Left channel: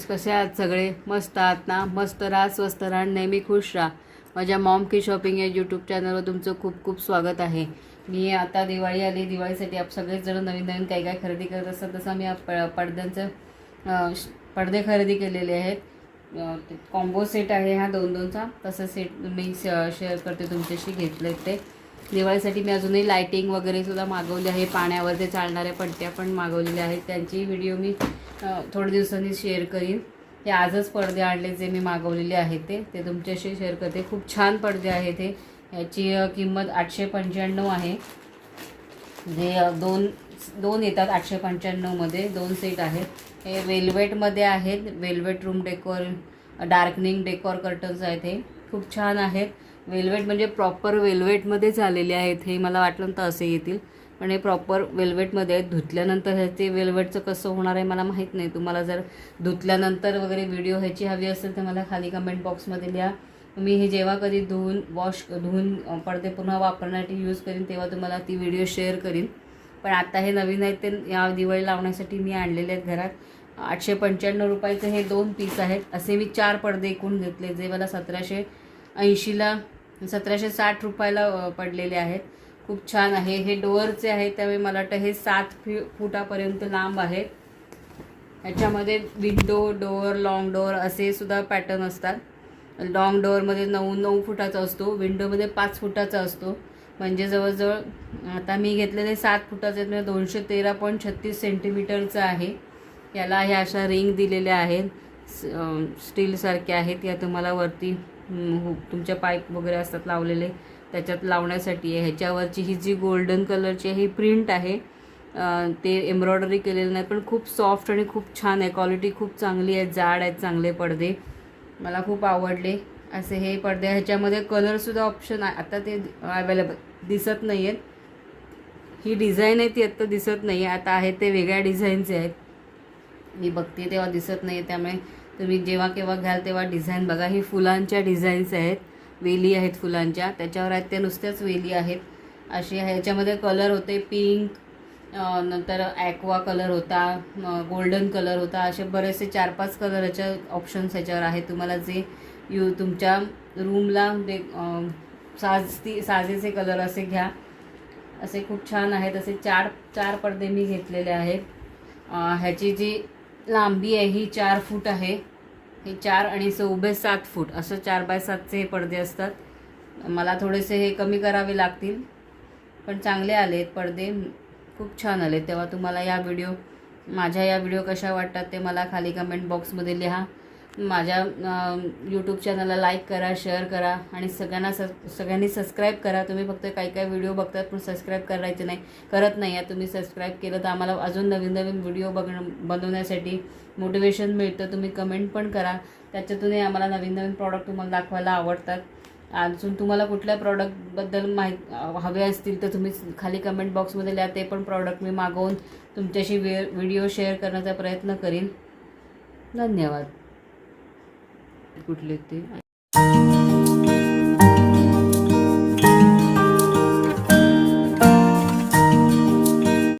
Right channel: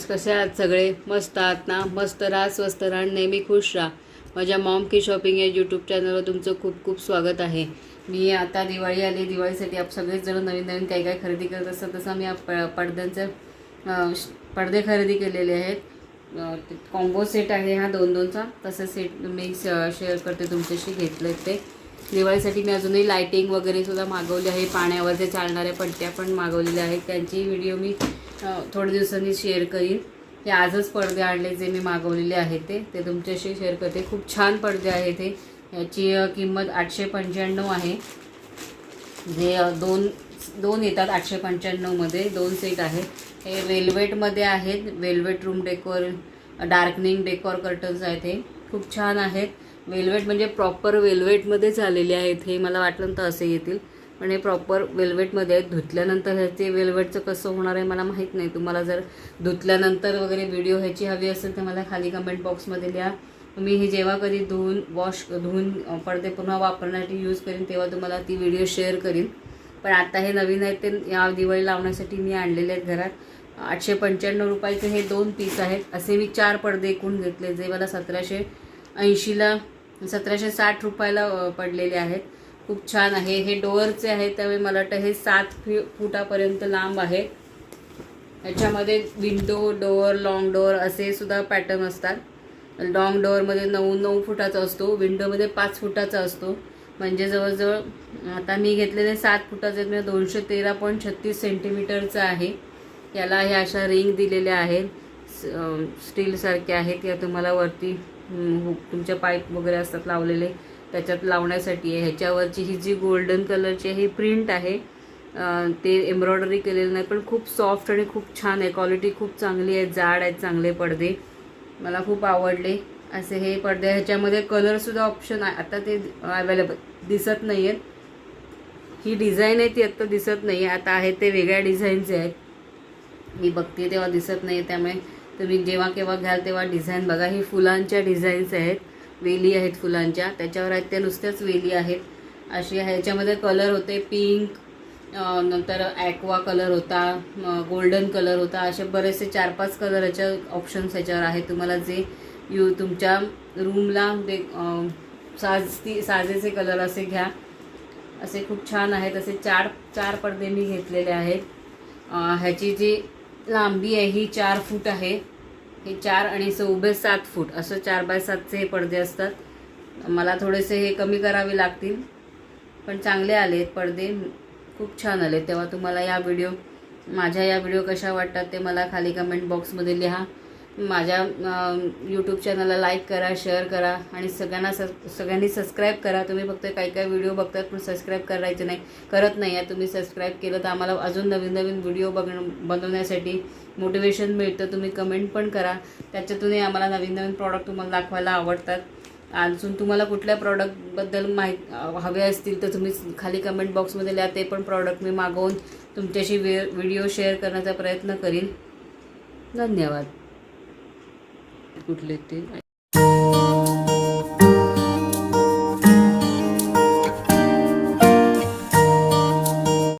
Friends, कसे आहात सगळे? मस्त आहात ना? मस्त राहा, स्वस्त राहा, नेहमी खुश राहा. माझ्या मॉम की शॉपिंग या यूट्यूब चॅनलवर तुमचं खूप खूप स्वागत आहे. मी आता दिवाळी आली, दिवाळीसाठी आप सगळेच जण नवीन नवीन काय काय खरेदी करत असतात, तसं मी पडद्यांचे पडदे खरेदी केलेले आहेत. कॉम्बो सेट आहे हा 2-2चा. तसं सेट मी शेअर करते तुमच्याशी. घेतले ते दिवाळीसाठी. मी अजूनही लायटिंग वगैरे सुद्धा मागवली आहे. पाण्यावर ते चालणाऱ्या पट्ट्या पण मागवलेल्या आहेत. त्यांची व्हिडिओ मी थोड्या दिवसांनी शेअर करीन. ते आजच पडदे आणले जे मी मागवलेले आहेत ते तुमच्याशी शेअर करते. खूप छान पडदे आहेत ते. याची किंमत 895 आहे. जे दोन येतात 895मध्ये. 2 सेट आहेत. हे वेल्वेटमध्ये आहेत. Velvet room decor, darkening decor curtains आहेत. हे खूप छान आहेत. वेल्वेट म्हणजे प्रॉपर वेल्वेटमध्येच आलेले आहेत. हे मला वाटलं तर असे येतील, पण हे प्रॉपर वेल्वेटमध्ये आहेत. धुतल्यानंतर ते वेल्वेटचं कसं होणार आहे मला माहीत नाही. तुम्हाला जर धुतल्यानंतर वगैरे व्हिडिओ ह्याची हवी असेल तर मला खाली कमेंट बॉक्समध्ये लिहा. मी हे जेव्हा कधी धुवून पडदे पुन्हा वापरण्यासाठी यूज करीन तेव्हा तुम्हाला ती व्हिडिओ शेअर करीन. पण आता हे नवीन आहेत ते या दिवाळी लावण्यासाठी मी आणलेले आहेत घरात. 895 रुपयाचे हे 2 पीस आहेत. असे मी 4 पडदे एकूण घेतले जे मला 1760 रुपयाला पडलेले आहेत. खूप छान आहे. हे डोअरचे आहेत त्यामुळे मला वाटतं हे 7 फुटापर्यंत लांब आहे. याच्यामध्ये विंडो डोअर, लॉंग डोअर असे सुद्धा पॅटर्न असतात. लॉंग डोअरमध्ये 9 फुटाचा असतो, विंडोमध्ये 5 फुटाचा असतो. म्हणजे जवळजवळ आता मी घेतलेले 7 फुटाचे म्हणजे 213.36 सेंटीमीटरचं आहे. याला ह्या अशा रिंग दिलेल्या आहेत, स्टीलसारख्या आहेत. या तुम्हाला वरती तुमच्या पाईप वगैरे असतात लावलेले त्याच्यात लावण्यासाठी आहे. ह्याच्यावरची ही जी गोल्डन कलरची ही प्रिंट आहे, ते एम्ब्रॉयडरी केलेलं नाही, पण खूप सॉफ्ट आणि खूप छान आहे. क्वालिटी खूप चांगली आहे. जाड आहेत चांगले पडदे. मला खूप आवडले असे हे पडदे. ह्याच्यामध्ये कलरसुद्धा ऑप्शन आहे. आता ते अवेलेबल दिसत नाही आहेत. ही डिझाईन आहे ती आत्ता दिसत नाही आहे. आता आहे ते वेगळ्या डिझाईनचे आहेत. मी बघते तेव्हा दिसत नाही. त्यामुळे तुम्ही जेव्हा केव्हा घ्याल तेव्हा डिझाईन बघा. ही फुलांच्या डिझाईन्स आहेत, वेली आहेत फुलांच्या. त्याच्यावर आहेत ते नुसत्याच वेली आहेत असे. ह्याच्यामध्ये कलर होते पिंक, नंतर ॲक्वा कलर होता, गोल्डन कलर होता. असे बरेचसे 4-5 कलरचे ऑप्शन्स ह्याच्यावर आहेत. तुम्हाला जे तुमच्या रूमला ते साजेचे कलर असे घ्या. असे खूप छान आहेत. असे 4 पडदे मी घेतलेले आहेत. ह्याची जी लांबी आहे ही 4 फूट आहे. हे 4 आणि 7 फूट असं 4x7चे हे पडदे असतात. मला थोडेसे हे कमी करावे लागतील, पण चांगले आलेत पडदे, खूप छान आले. तेव्हा तुम्हाला माझ्या या व्हिडिओ कशा वाटतात ते मला खाली कमेंट बॉक्समध्ये लिहा. माझ्या यूट्यूब चॅनलला लाईक करा, शेअर करा आणि सगळ्यांनी सबस्क्राईब करा. तुम्ही फक्त काही व्हिडिओ बघतात पण सबस्क्राईब करत नाही आहे. तुम्ही सबस्क्राईब केलं तर आम्हाला अजून नवीन नवीन व्हिडिओ बनवण्यासाठी मोटिवेशन मिळतं. तुम्ही कमेंट पण करा, त्याच्यातूनही आम्हाला नवीन नवीन प्रॉडक्ट तुम्हाला दाखवायला आवडतात. अजून तुम्हाला कुठल्या प्रॉडक्टबद्दल हवे असतील तर तुम्ही खाली कमेंट बॉक्समध्ये लिहा. ते पण प्रॉडक्ट मी मागवून तुमच्याशी व्हिडिओ शेअर करण्याचा प्रयत्न करीन. धन्यवाद. कुठले ते